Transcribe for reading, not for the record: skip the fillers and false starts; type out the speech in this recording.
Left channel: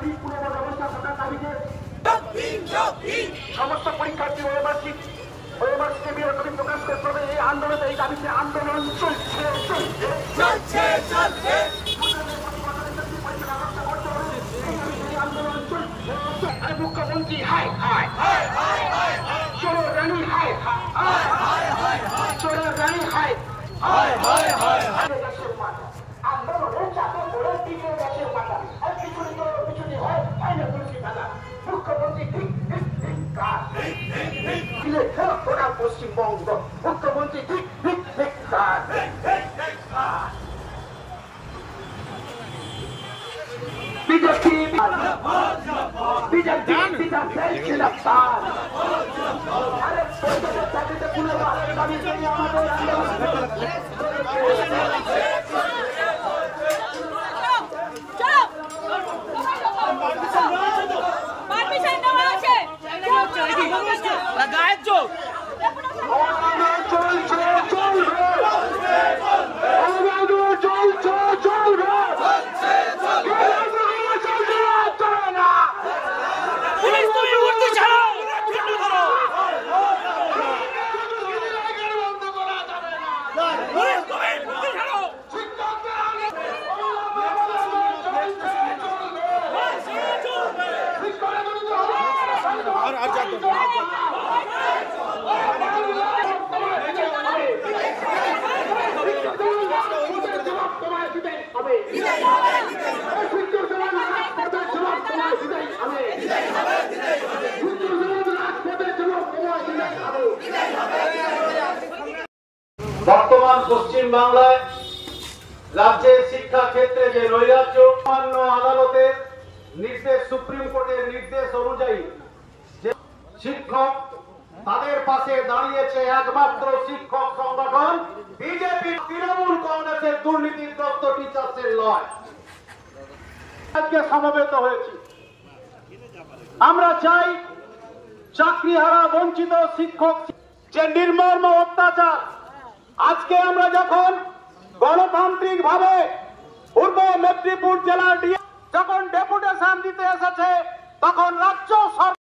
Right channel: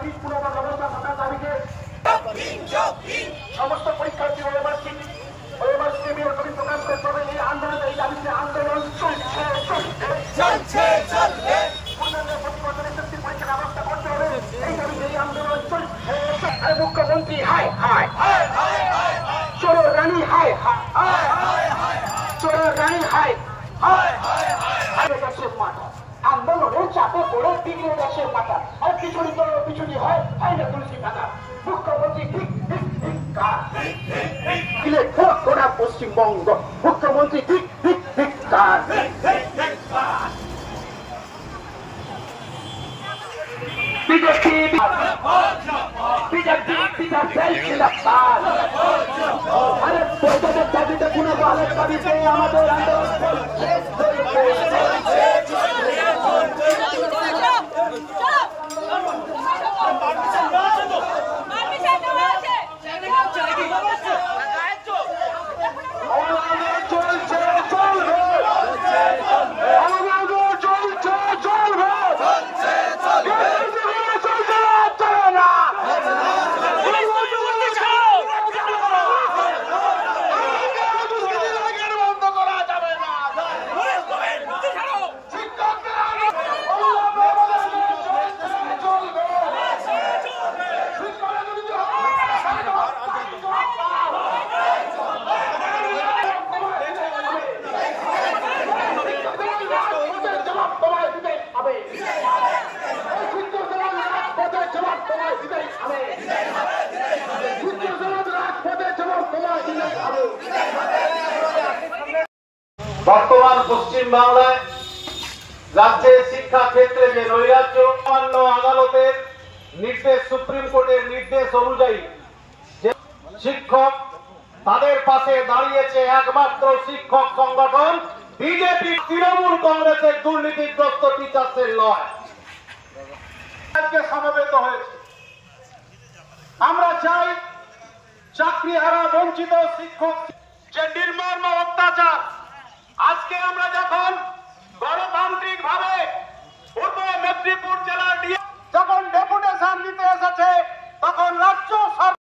চাকরির পুনর্ব্যবস্থা থাকার দাবিতে সমস্ত পরীক্ষার্থী ওএমআরসিকে বিরোধী প্রকাশ করতে হবে। এই আন্দোলনে এই দাবিতে আন্দোলন চলছে প্রতি বছর এসএসসি পরীক্ষার ব্যবস্থা করতে হবে। এই দাবিতে এই আন্দোলন চলছে। মুখ্যমন্ত্রী হায় হায় চোরের রানী হায় হায় চোরের রানী হায় মাথা আন্দোলনের চাপে পড়ে বিগড়ে গেছে মাথা। আর পিছুনি হয় হাইরে পুলিশি থানা। মুখ্যমন্ত্রী গোটা পশ্চিমবঙ্গ মুখ্যমন্ত্রী বিজেপি বর্তমান পশ্চিম বাংলায় রাজ্যের শিক্ষা ক্ষেত্রে যে নৈরাজ্য, সামান্য আদালতের নির্দেশ, সুপ্রিম কোর্টের নির্দেশ অনুযায়ী যে শিক্ষক তাদের পাশে দাঁড়িয়েছে একমাত্র শিক্ষক সংগঠন বিজেপি, তৃণমূল কংগ্রেসের দুর্নীতিগ্রস্ত টিচার্সের নয়। আজকে সমবেত হয়েছি। আমরা চাই চাকরিহারা বঞ্চিত শিক্ষক যে নির্মম অত্যাচার, আজকে আমরা যখন গণতান্ত্রিক ভাবে পূর্ব মেদিনীপুর জেলার যখন ডেপুটেশন দিতে এসেছে তখন রাজ্য সরকার